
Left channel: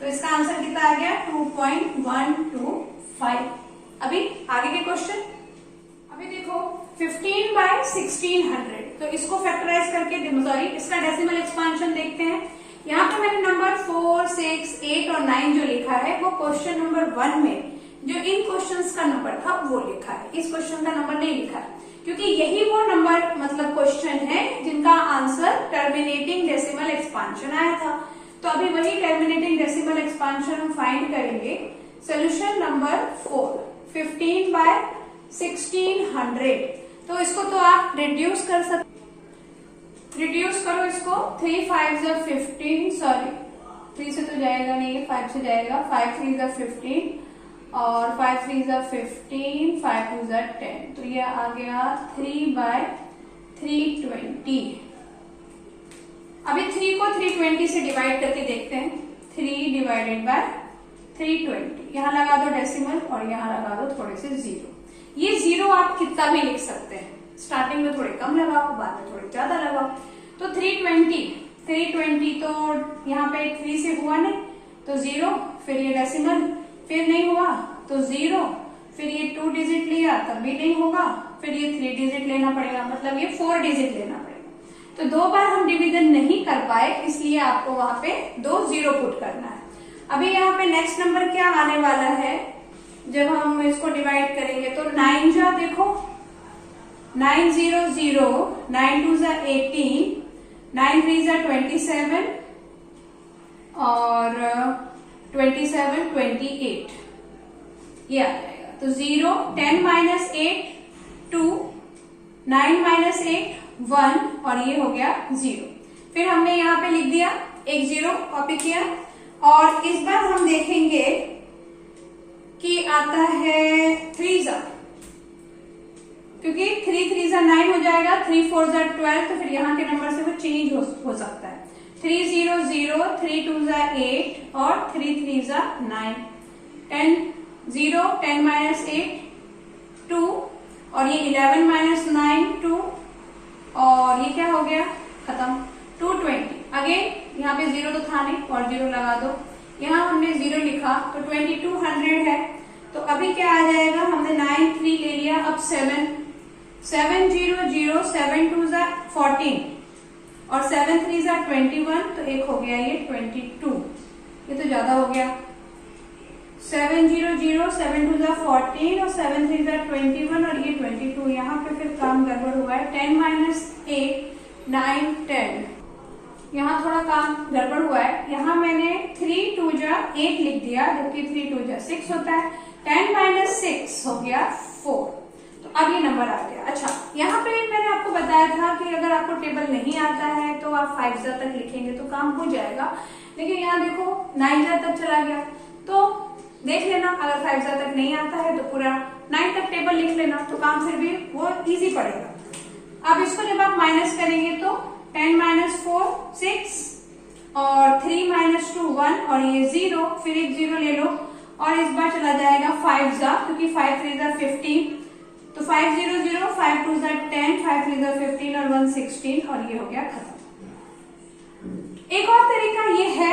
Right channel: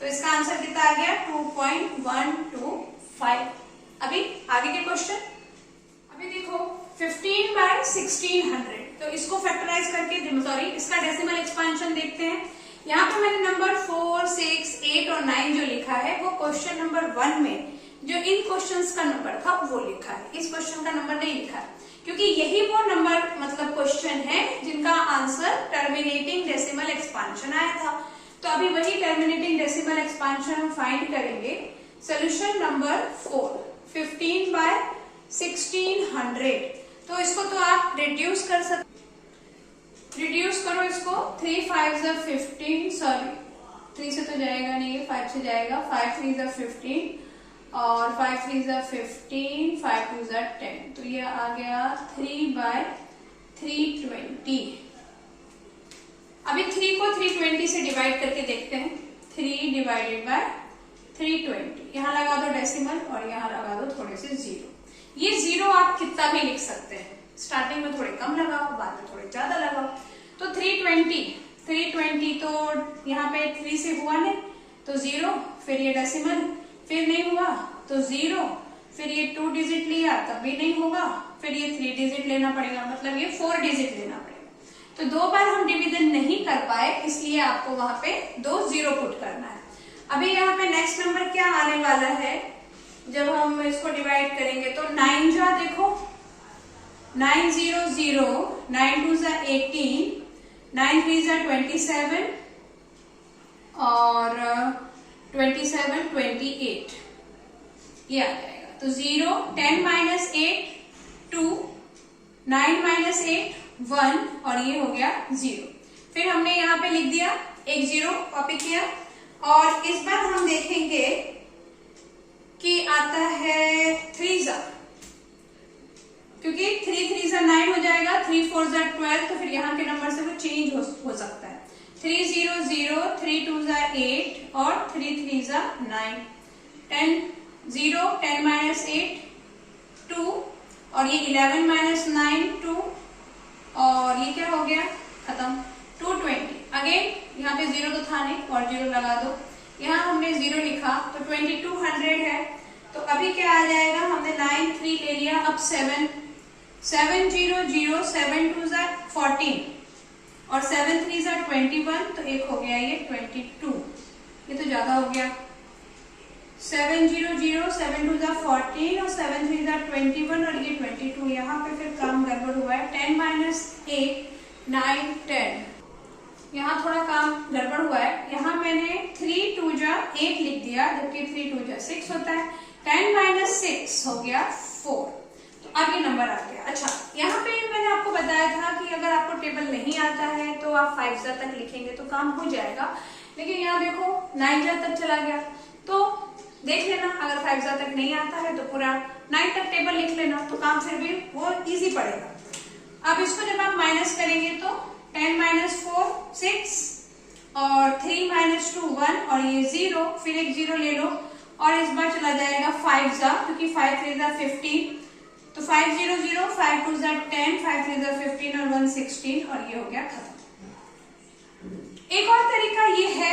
तो इसका आंसर कितना आ गया 2.125। अभी आगे के क्वेश्चन, अभी देखो 15/1600, तो इसको फैक्टराइज करके सॉरी इसका डेसिमल एक्सपांशन देखते हैं। यहाँ पे मैंने नंबर 4 6 8 और 9 जो लिखा है वो क्वेश्चन नंबर 1 में जो इन क्वेश्चंस का नंबर था वो लिखा है, इस क्वेश्चन का नंबर नहीं लिखा है, क्योंकि यही वो नंबर मतलब क्वेश्चन है जिनका आंसर टर्मिनेटिंग डेसिमल एक्सपांशन आया था। तो अभी वही टर्मिनेटिंग डेसिमल एक्सपांशन हम फाइंड करेंगे। सोल्यूशन नंबर 4 15/1600, तो इसको तो आप रिड्यूस कर सकते, रिड्यूस करो इसको, 3 5 जा 15, सॉरी 3 से तो जाएगा नहीं, 5 से जाएगा, 5 3 जा 15 और 5 3 जा 15, 5 2 जा 10, तो ये आ गया 3/320। अभी 3 को 320 से डिवाइड करके देखते हैं, 3 डिवाइडेड बाय 320, यहाँ लगा दो डेसिमल और यहाँ लगा दो थोड़े से 0। ये 0 आप कितना भी लिख सकते हैं, स्टार्टिंग में थोड़े कम लगाओ, बाद में थोड़े ज्यादा लगाओ। तो 320 तो यहाँ पे 3 से हुआ नहीं तो 0, फिर ये डेसिमल, फिर नहीं हुआ तो 0, फिर ये 2 डिजिट लिया तब भी नहीं होगा, फिर ये 3 डिजिट लेना पड़ेगा, मतलब ये 4 डिजिट लेना पड़ेगा। तो 2 बार हम डिवीजन नहीं कर पाए, इसलिए आपको वहां पे 2 0 पुट करना है। अभी यहाँ पे नेक्स्ट नंबर क्या आने वाला है, जब हम इसको डिवाइड करेंगे तो 9 जा, देखो 9 0 0, 9 2 जा 18, 9 3 जा 27 और 27 28, ये आ जाएगा। तो 0 10 माइनस 8 2, 9 माइनस 8 1 और ये हो गया 0। फिर हमने यहाँ पे लिख दिया एक 0 कॉपी किया, और इस बार हम देखेंगे कि आता है 3 जा, क्योंकि 3 3 जा 9 हो जाएगा, 3 4 जा 12, तो फिर यहाँ के नंबर से वो चेंज हो सकता है। 3 0 0, 3 2 जा 8 और 3 3 जा 9, 10 0 10 माइनस 8 2 और ये 11 माइनस 9 2 और ये क्या हो गया खत्म 220। अगेन यहाँ पे 0 तो था नहीं और 0 लगा दो, यहाँ हमने 0 लिखा तो 2200 है। तो अभी क्या आ जाएगा, हमने 9 3 ले लिया, अब 7 7 0 0, 7 2 जा 14 और 7 3 जा 21, तो एक हो गया ये 22, ये तो ज्यादा हो गया। 7 0 0, 7 2 जा 14 और 7 3 जा 21 और ये 22, यहाँ पे फिर काम गड़बड़ हुआ है। 10 माइनस 8 9 10, यहाँ थोड़ा काम गड़बड़ हुआ है, यहाँ मैंने 3 2 जा 8 लिख दिया, जबकि 3 2 जा 6 होता है। 10 माइनस 6 हो गया 4, तो अब ये नंबर आ गया। अच्छा यहाँ पे मैंने आपको बताया था कि अगर आपको टेबल नहीं आता है तो आप 5 जा तक लिखेंगे तो काम हो जाएगा, लेकिन यहाँ देखो 9 जा तक चला गया, तो देख लेना, अगर 5 तक नहीं आता है तो पूरा 9 तक टेबल लिख लेना, तो काम फिर भी वो इजी पड़ेगा। अब इसको जब आप माइनस करेंगे तो 10 - 4 6 और 3 - 2 1 और ये 0, फिर एक 0 ले लो और इस बार चला जाएगा 5 क्योंकि 5 3 15, तो 5 0 0, 5 2 10, 5 3 15 और 1 16 और ये हो गया खत्म। एक और तरीका ये है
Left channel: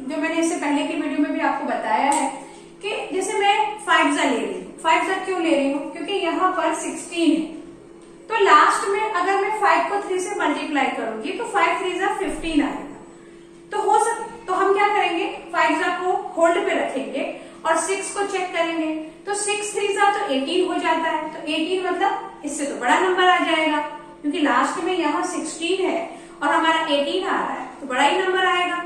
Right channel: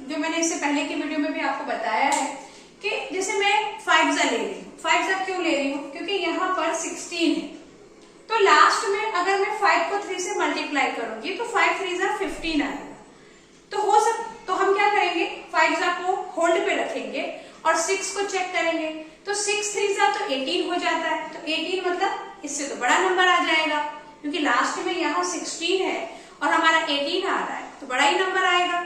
जो मैंने इससे पहले की वीडियो में भी आपको बताया है कि जैसे मैं 5 ले रही हूँ। 5 क्यों ले रही हूँ? क्योंकि यहाँ पर 16 है, तो लास्ट में अगर मैं 5 को 3 से मल्टीप्लाई करूंगी तो 5 3 15 आएगा। तो हम क्या करेंगे, 5 को होल्ड पे रखेंगे और 6 को चेक करेंगे, तो 6 3 तो 18 हो जाता है, तो 18 मतलब इससे तो बड़ा नंबर आ जाएगा, क्योंकि लास्ट में यहाँ 16 है और हमारा 18 आ रहा है, तो बड़ा ही नंबर आएगा।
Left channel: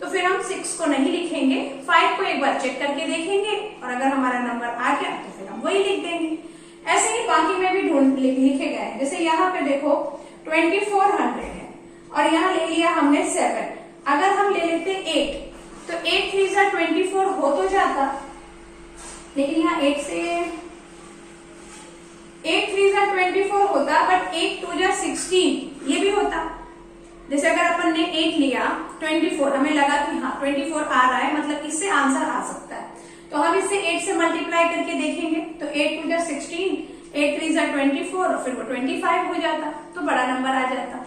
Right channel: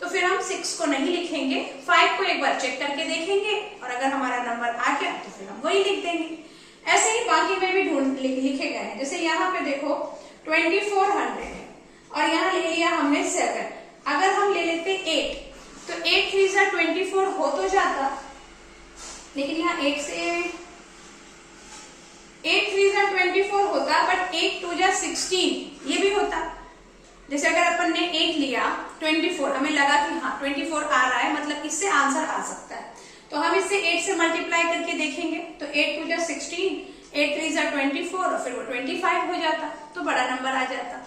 तो फिर हम 6 को नहीं लिखेंगे, 5 को एक बार चेक करके देखेंगे और अगर हमारा नंबर आ गया तो फिर हम वही लिख देंगे। ऐसे ही बाकी में भी लिखे गए हैं। जैसे यहाँ पे देखो 2400 है और यहाँ ले लिया हमने 7, अगर हम ले लेते 8 तो 8 3 24 हो तो जाता, लेकिन यहाँ 8 3 24 होता, बट 8 2 16 ये भी होता। जैसे अगर अपन ने 8 लिया 24, हमें लगा कि हाँ 24 आ रहा है, मतलब इससे आंसर आ सकता है, तो हम इसे 8 से मल्टीप्लाई करके देखेंगे, तो 8 2 16, 8 3 24 और फिर वो 25 हो जाता, तो बड़ा नंबर आ जाता।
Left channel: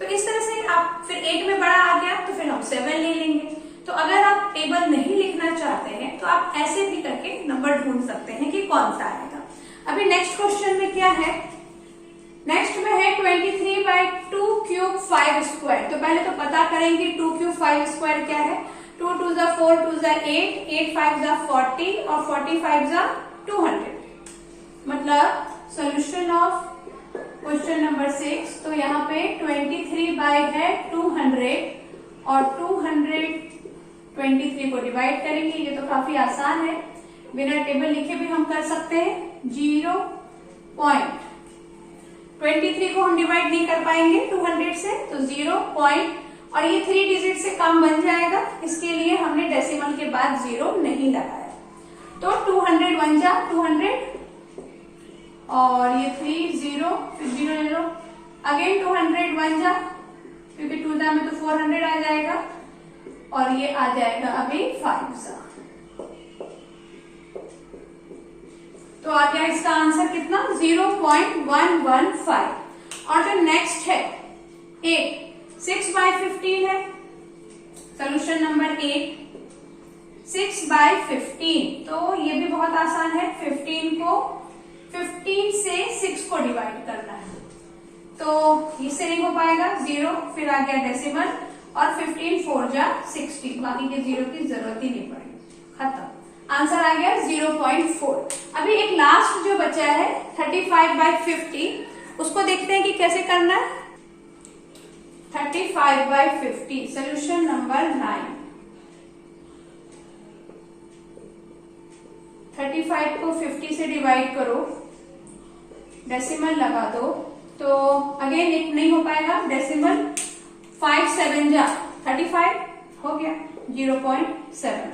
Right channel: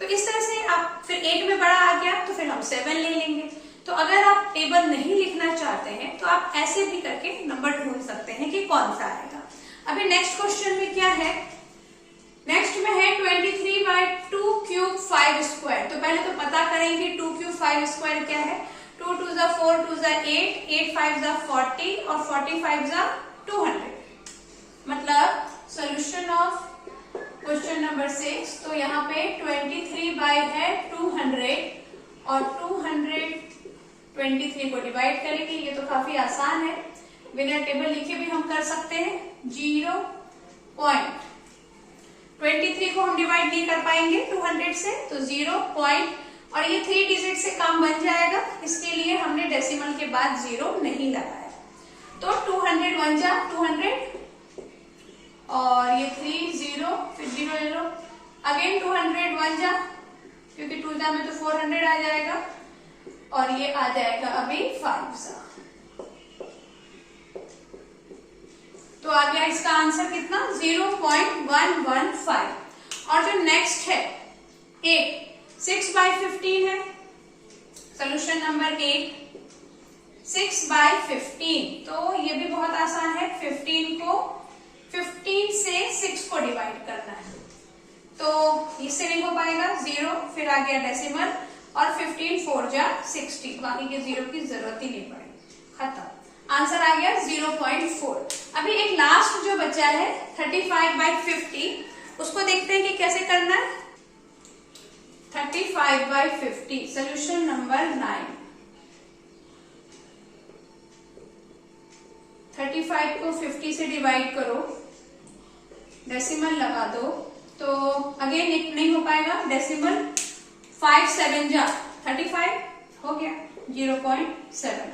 तो इस तरह से आप फिर 8 में बड़ा आ गया तो फिर हम 7 ले लेंगे। तो अगर आप टेबल नहीं लिखना चाहते हैं तो आप ऐसे भी करके नंबर ढूंढ सकते हैं कि कौन सा आएगा। अभी नेक्स्ट क्वेश्चन में क्या है, नेक्स्ट में है 23/2 क्यूब 5 स्क्वायर। तो पहले तो पता करें कि 2 क्यूब 5 स्क्वायर क्या है। 2 2 4, 2 8, 8 5 40 और 45 200। मतलब सोल्यूशन ऑफ क्वेश्चन नंबर 6, तो यहाँ पे 23/200 और 223 को डिवाइड करेंगे। ये तो काफी आसान है, बिना टेबल लिखे भी हम कर सकते हैं। 0.23 को हम डिवाइड नहीं कर पाएंगे 200 से, तो 0 पॉइंट, और ये 3 डिजिट से कम बन जाएगा, इसके लिए हमने डेसिमल के बाद 0 नहीं लगाया। तो 200 बन जा 200 और ये 3 0, फिर 0 ले लो, अगेन 200 बन जा, क्योंकि 2 में तो 400 आ जाएगा और ये आ जाएगा अभी 5। तो आ गया इसका आंसर कितना, 0.115। और जो नेक्स्ट है 8, 6/15 है, सोल्यूशन नंबर 8 6/15। तो ये भी बहुत आसान है, 15 से 6 को डिवाइड करना है, तो इससे नहीं हो पाएगा 0, फिर आ गया डेसिमल और 15 4 जा 60, बाकी के 0 की जरूरत ही नहीं पड़ेगी, खत्म। आंसर आ गया 0.4। अभी एक लास्ट जो बचा है 35/50, उसको देखते हैं कि कैसे करना है। 35/50 सोल्यूशन नंबर 9। 35 को 50 से डिवाइड करो, डेसिमल लगा दो, तो अगेन एक नहीं हो पाएगा, डेसिमल 5 7 जा 35 हो गया, 0.7 आ गया,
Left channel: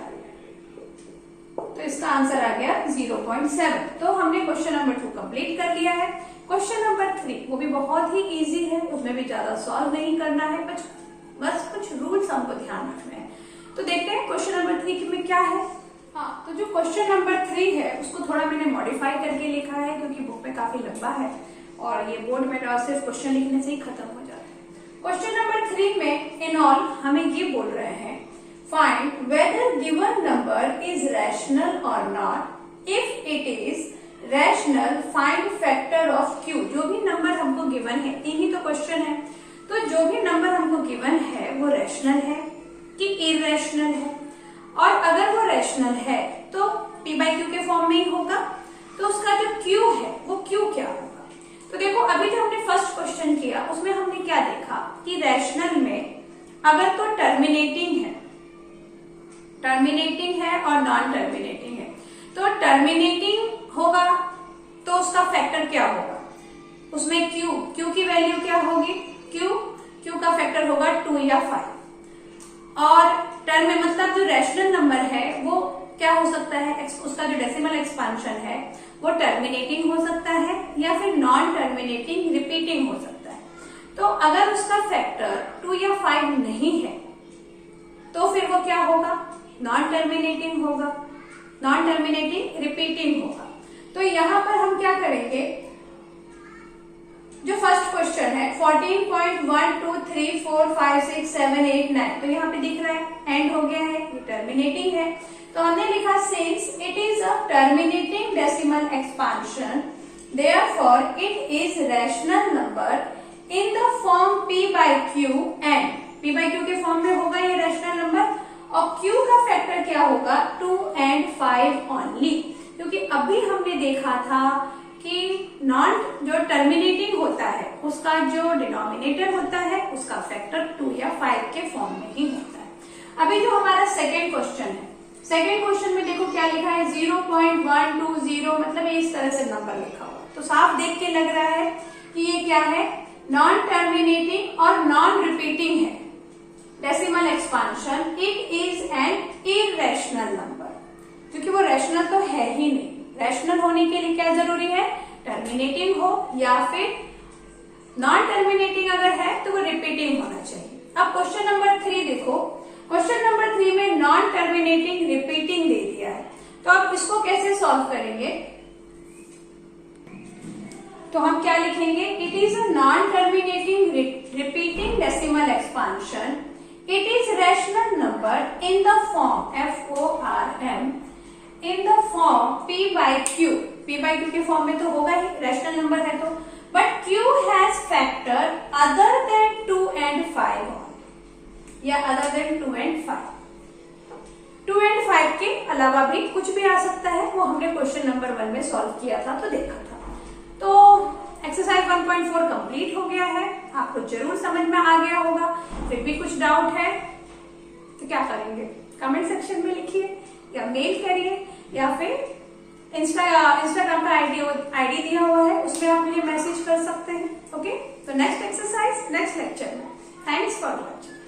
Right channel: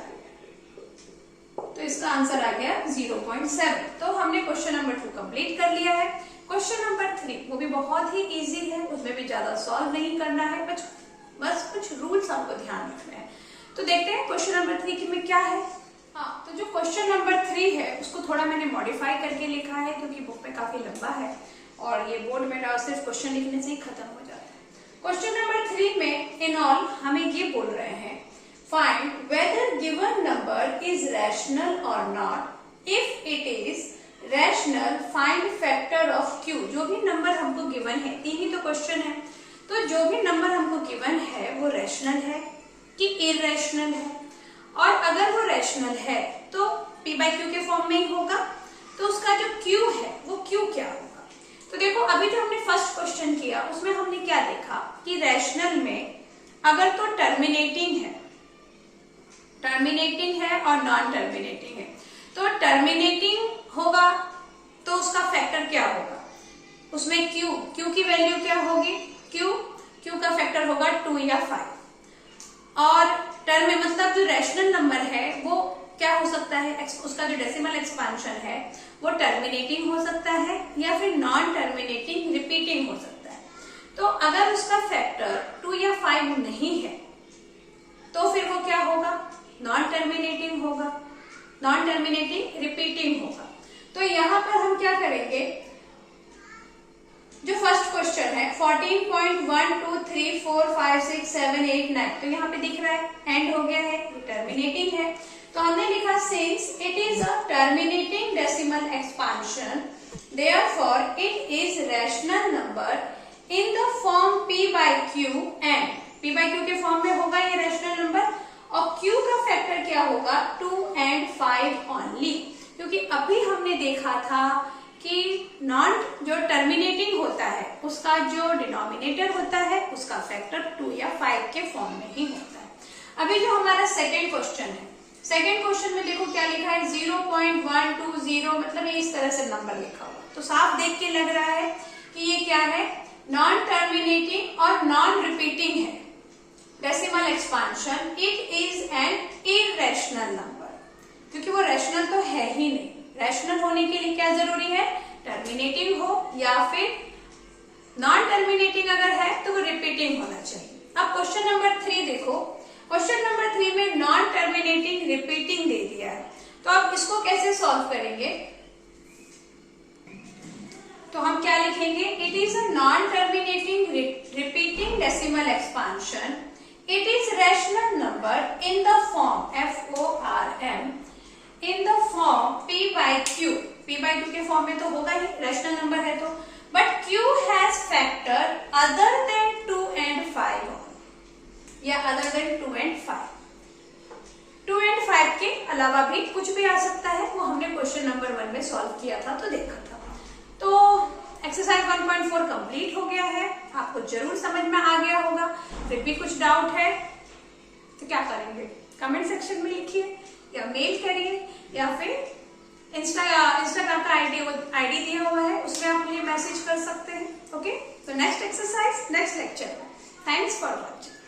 तो इसका आंसर आ गया 0.7। तो हमने क्वेश्चन नंबर 2 कंप्लीट कर लिया है। क्वेश्चन नंबर 3 वो भी बहुत ही इजी है, उसमें भी ज्यादा सॉल्व नहीं करना है, बस कुछ रूल्स हमको ध्यान रखने हैं। तो देखते हैं क्वेश्चन नंबर 3 में क्या है। हाँ, तो जो क्वेश्चन नंबर 3 है उसको थोड़ा मैंने मॉडिफाई करके लिखा है, क्योंकि बुक में काफी लंबा है और ये बोर्ड में सिर्फ क्वेश्चन लिखने से ही खत्म हो जाता है। क्वेश्चन नंबर 3 में इन ऑल हमें ये बोल रहे हैं, find whether given number is rational और not. If it is rational find factor of Q. जो भी नंबर हमको गिवन है, 3 ही तो क्वेश्चन है, तो जो भी नंबर हमको गिवन है वो रैशनल है कि इरेशनल है, और अगर वो रैशनल है तो p/q के फॉर्म में ही होगा, तो उसका जो q है वो q क्या होगा। तो देखो अभी जो हमने फर्स्ट क्वेश्चन किया उसमें हमने क्या देखा कि रैशनल में अगर तो टर्मिनेटिंग है और नॉन टर्मिनेटिंग है, तो टर्मिनेटिंग होगा तो उसका फैक्टर क्या होगा, उसमें q की वैल्यू क्या होगी, q का फैक्टर होगा 2 या 5। और टर्म में मतलब जो रैशनल नंबर है वो क्या हो सकता है, उसका जो डेसिमल एक्सपांशन है वो टर्मिनेटिंग हो सकता है या फिर नॉन टर्मिनेटिंग रिपीटिंग हो सकता है। तो अगर उसका फैक्टर 2 या 5 नहीं है तो फिर वो क्या होगा, नॉन टर्मिनेटिंग होगा, नॉन टर्मिनेटिंग रिपीटिंग होगा। तो यहां पर हम क्या करेंगे, जो फर्स्ट क्वेश्चन है 14.123456789, तो यहाँ पे दिख रहा है एंड हो गया है, ये टर्मिनेटिंग है। तो हमने लिखा since it is a terminating decimal expansion therefore it is rational number in the form p by q and p by q के फॉर्म में होगा ये रैशनल नंबर, और q का फैक्टर क्या होगा 2 and 5 ओनली, क्योंकि अभी हमने देखा था कि नॉन जो टर्मिनेटिंग होता है उसका जो डिनोमिनेटर होता है उसका फैक्टर 2 या 5 के फॉर्म में ही होता है। अभी जो हमारा सेकेंड क्वेश्चन है, सेकेंड क्वेश्चन में देखो क्या लिखा है 0.120, मतलब ये इस तरह से नंबर लिखा हुआ, तो साफ देख के लग रहा है कि ये क्या है, नॉन टर्मिनेटिंग और नॉन रिपीटिंग है decimal expansion. It is an irrational number, क्योंकि वो रैशनल तो है ही नहीं। रैशनल होने के लिए क्या जरूरी है, टर्मिनेटिंग हो या फिर नॉन टर्मिनेटिंग अगर है तो वो रिपीटिंग होना चाहिए। अब क्वेश्चन नंबर 3 देखो, क्वेश्चन नंबर 3 में नॉन टर्मिनेटिंग रिपीटिंग दे दिया है, तो अब इसको कैसे सॉल्व करेंगे, तो हम क्या लिखेंगे, it is a non terminating repeating decimal expansion, it is rational number in the form FORM in the form p by q, p by q के फॉर्म में तो होगा ही, रैशनल नंबर है तो, but q has factor other than 2 and 5 या other than 2 and 5, 2 and 5 के अलावा भी कुछ भी आ सकता है, वो हमने क्वेश्चन नंबर 1 में सॉल्व किया था तो देखा था। तो एक्सरसाइज 1.4 कंप्लीट हो गया है, आपको जरूर समझ में आ गया होगा। फिर भी कुछ डाउट है तो क्या करेंगे, कमेंट सेक्शन में लिखिए या मेल करिए या फिर इंस्टाग्राम का आईडी दिया हुआ है उसमें आप मुझे मैसेज कर सकते हैं। ओके, तो नेक्स्ट एक्सरसाइज नेक्स्ट लेक्चर में। Thanks for watching.